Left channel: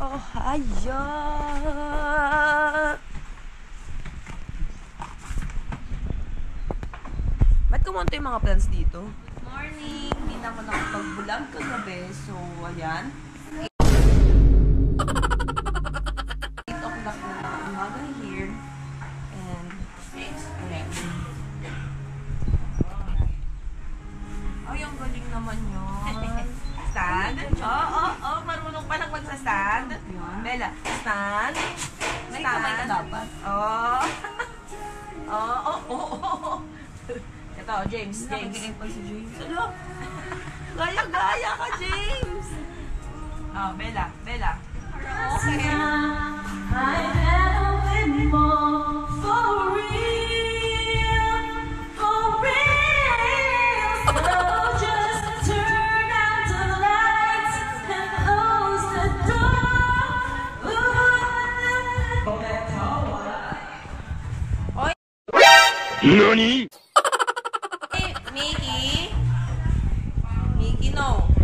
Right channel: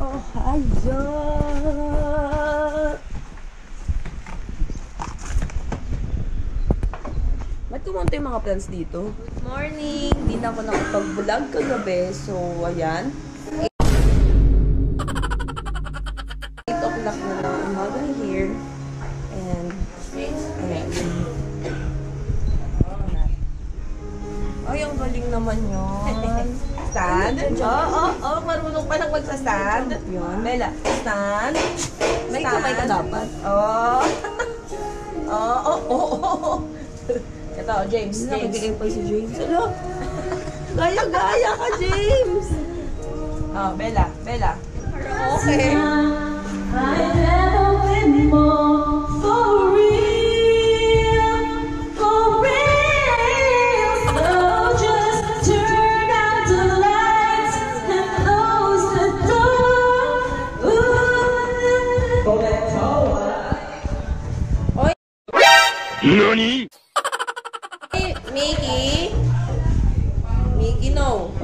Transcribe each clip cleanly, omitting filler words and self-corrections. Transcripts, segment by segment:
Oh, ayan. Ba't kumunta yung mga plants dito? Good morning! Hindi na ako nakapag-vlog kagabi. So, ayan. 8 o'clock na ng umaga here. And, ayan. Ay, ang galing naman yun. Stand? Oo, marunong pa lang magsa-stand. Bella, stand. May kamay ka dapat. Oo. Ito, James. Nakagiging pa si James. Ano? Gaya-gaya ka, James. Oh, Bella. Okay. I never win more for real. So just turn out the lights and close the door. Oy. NANI? Mickey, no.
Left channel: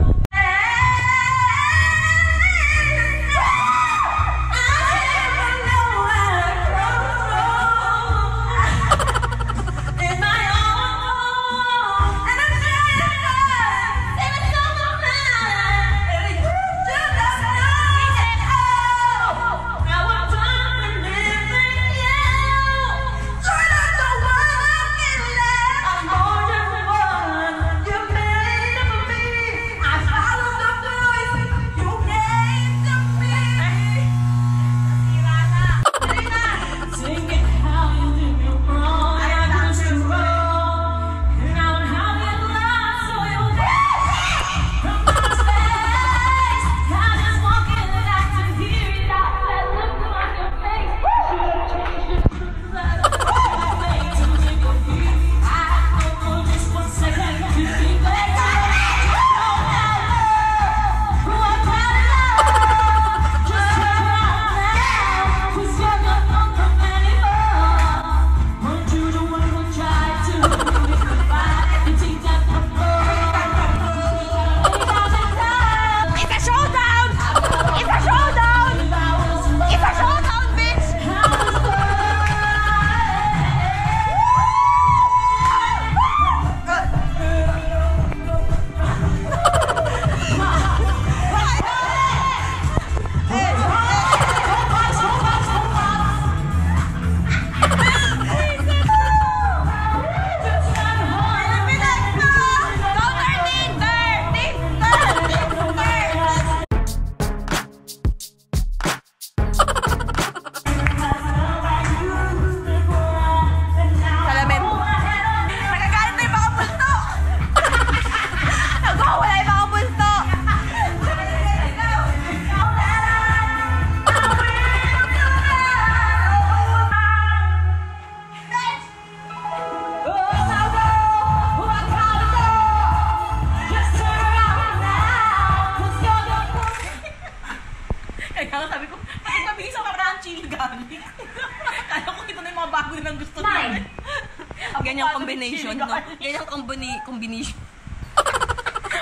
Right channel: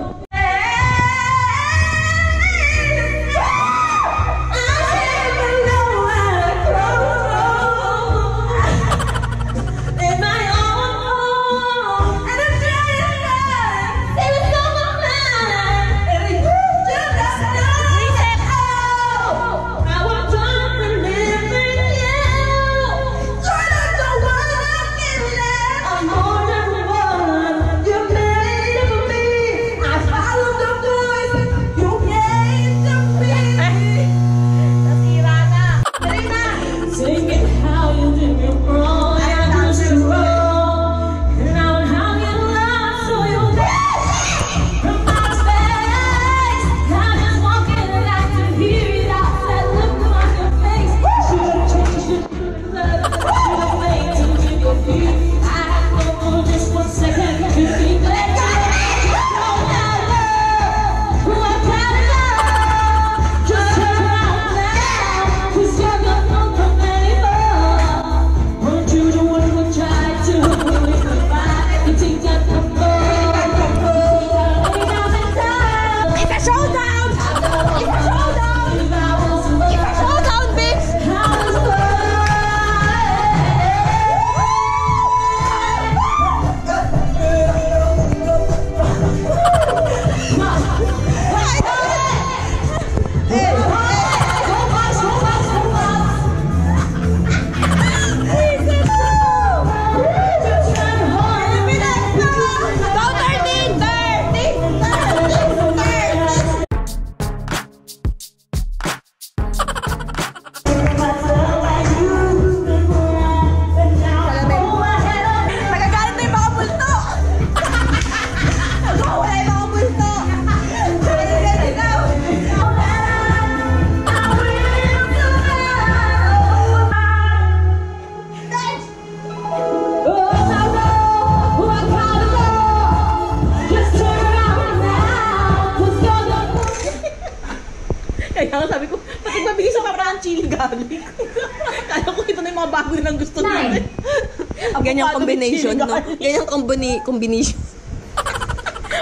Kaya sabi ko, pati mabilis ako parang chili garlic. Kaya ko ito na yung mga bago nilang gusto nila. Ganyang combination, no? Ganyang combination.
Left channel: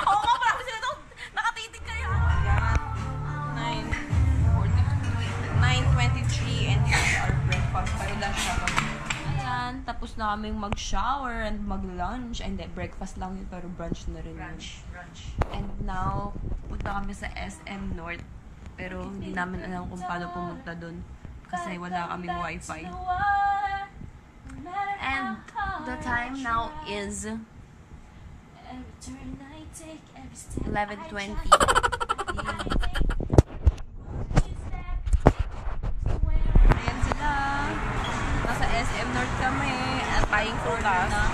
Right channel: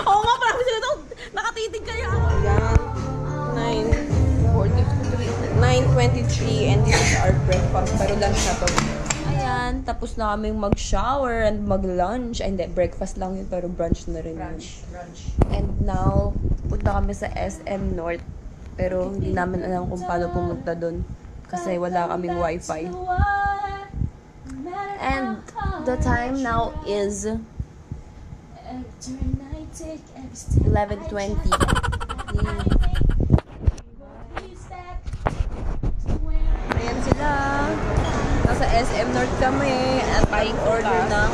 Oo nga, parang sila ito. Nakatitig kayo. Ayan. 9:23 and this is our breakfast. Pero lunch na to. Ayan, tapos na kaming mag-shower and mag-lunch. Ay, hindi, breakfast lang yun, pero brunch na rin yun. Brunch. And now, punta kami sa SM North. Pero hindi namin alam kung paano pumunta doon kasi wala kaming wifi. And the time now is 11:20. Ayan sila. Nasa SM North kami at buying order ng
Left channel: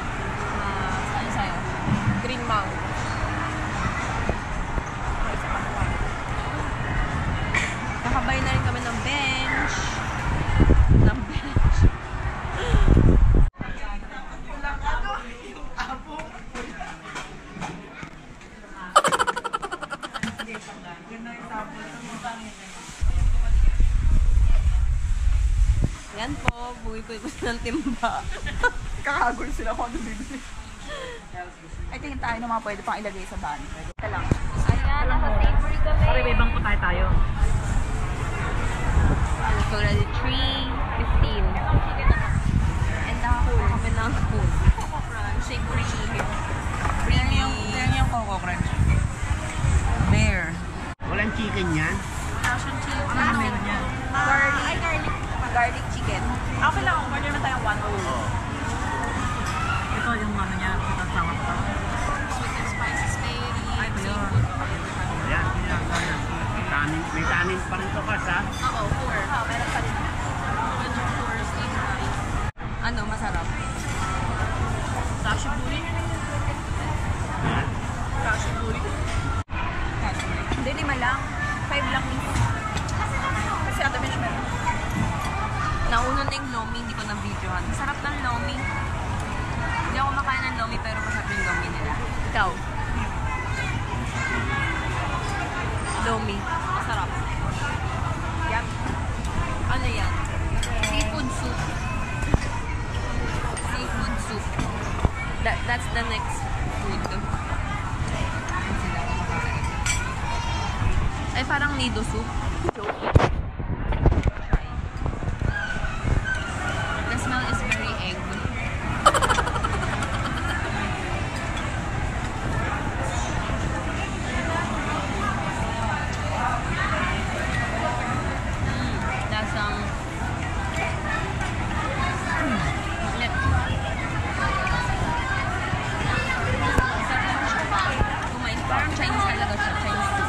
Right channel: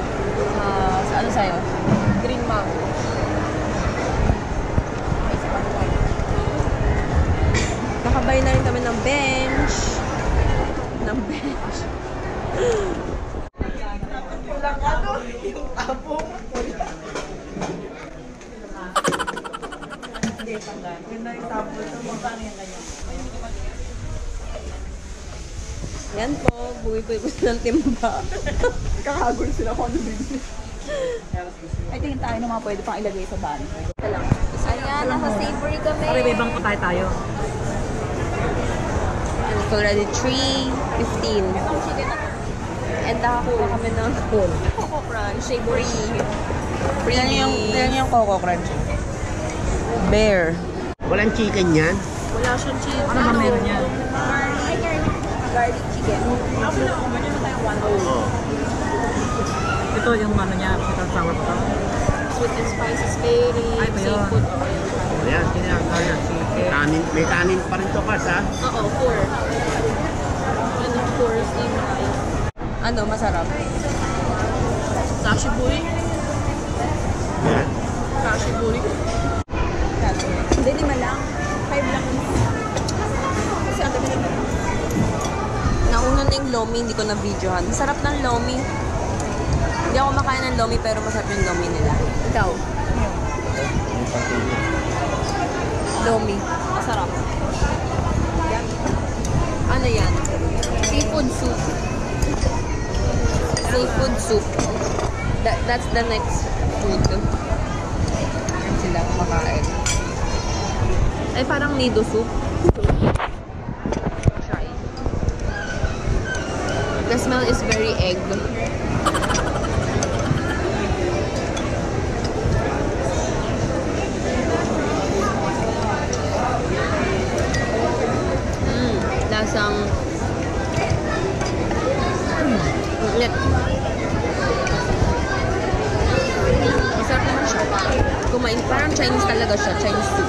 ano sa'yo? Green Mount. Nakabay na rin kami ng bench. Yung tapong. Yan po, buwi po ng timba. Kakagol sila kung ano bibili. Ay, tingin tayo ng mga pwede pang ilagay sa van. Ayan, nasa Savory kami. May bangko tayo. It's already 3:15. And nakakuha kami ng Coco Crunch. Free. Yan yung Coco Crunch. Bear. Walang chicken yan? Wala siyang chicken. Ano ba meron yan? Garlic chicken. Ako lang ako. Medyo na tayong 1. Ito yung ano niya. Ito sour pa to. Sweet and spicy spary. Ay, ito yun. Seafood. Ayan, kinakain. Kanin, may kanin pa rin to, Kars, ha? Oo, 4. And of course, steam rice. Ano, masarap? Kashibuy. Kashibuy. Hindi, 5 lang. 5 lang. Kasi ang dami na. Nauna na yung lomi, hindi ko na-videohan. Masarap ng lomi. Hindi ako makain ng lomi, pero masarap yung lomi nila. Ikaw? Lomi. Masarap. Ano yan? Seafood soup. Seafood soup. That's the next food. Yan sila kumakain. Ay, parang nido soup. Try. The smell is very egg. Lasang ulit. Masarap naman siya. Kumain, parang Chinese talaga siya. Chinese soup.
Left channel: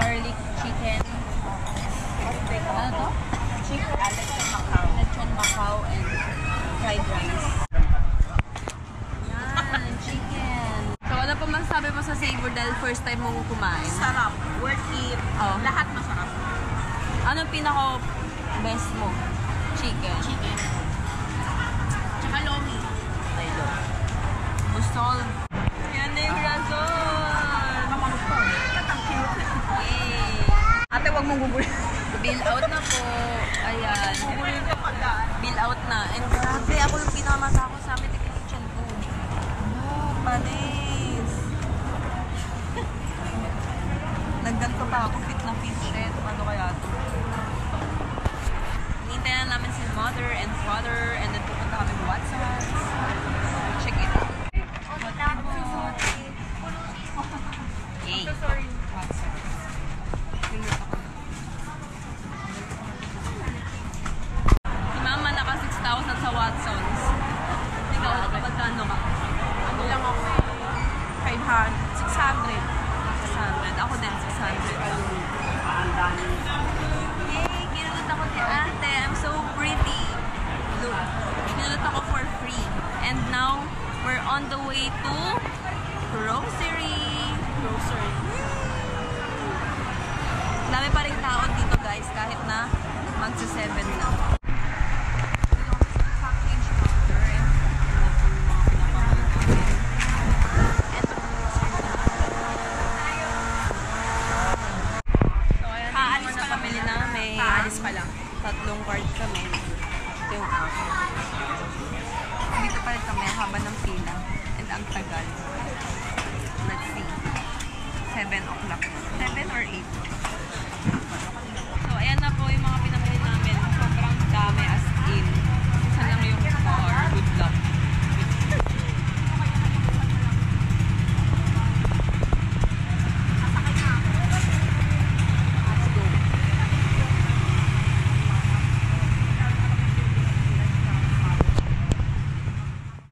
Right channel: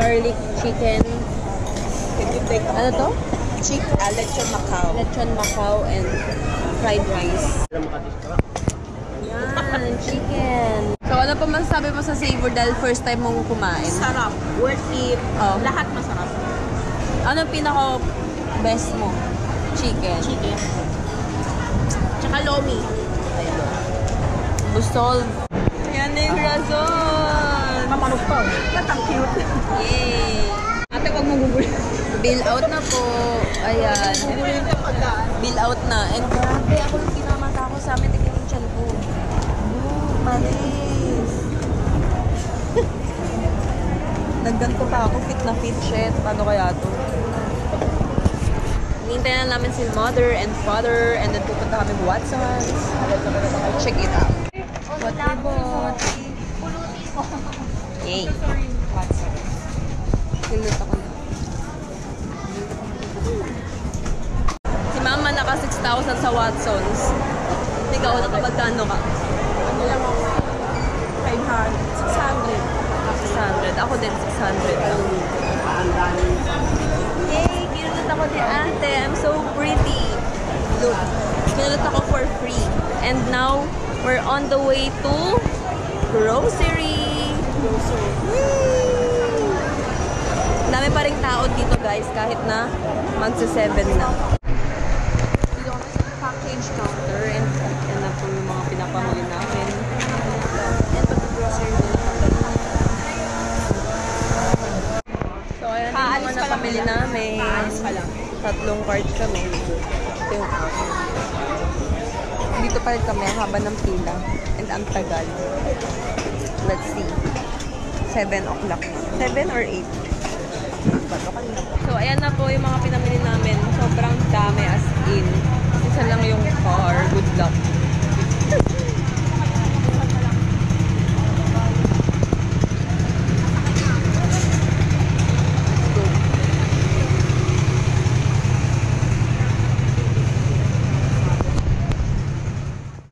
Garlic chicken. Ano to? Lechon Macau. Lechon Macau and fried rice. Yan, chicken. So, ano pa masasabi mo sa Savor dahil first time mong kumain? Sarap. Worth it. Oh. Lahat masarap. Ano pinaka best mo? Chicken. Chicken. Tsaka lomi. Ay, lomi. Busol. Yan na yung razon. Kamanok pa. Ang cute. Yay! Ate, wag mo gugulin. Bill out na po. Ayan. Gugulin ka pagkaan. Bill out na. And grabe, ako yung pinamata ko sa amin. Tignan yung chan ko. Oh, Paris. Nagganto pa ako. Fit na fit. Shit. Paano kaya to? Hinintay na namin si mother and father. And then pupunta kami Watson's. Check it out. What we bought. Yay. Watson's. Pilut ako na. Si mama naka 6,000 sa Watson's. Ikaw, nakapagkano ka? Ano lang ako? 500. 600. 600. Ako din, 600 lang. Yay! Kinulot ako ni ate. I'm so pretty. Look. Kinulot ako for free. And now, we're on the way to grocery. Dami pa rin tao dito guys, kahit na magsa-7 na. Dito kami sa package counter and na po yung mga pinapamuli namin. And pag-grocery na namin. So ayan yung mga napamili namin. Paalis pa lang. 3 cards kami. Ito yung akin. Dito pa rin kami, ang haba ng pila. And ang tagal. Let's see. 7 o'clock. 7 or 8? So, ayan na po yung mga pinamili namin. Sobrang dami as in. Isa lang yung car. Good luck.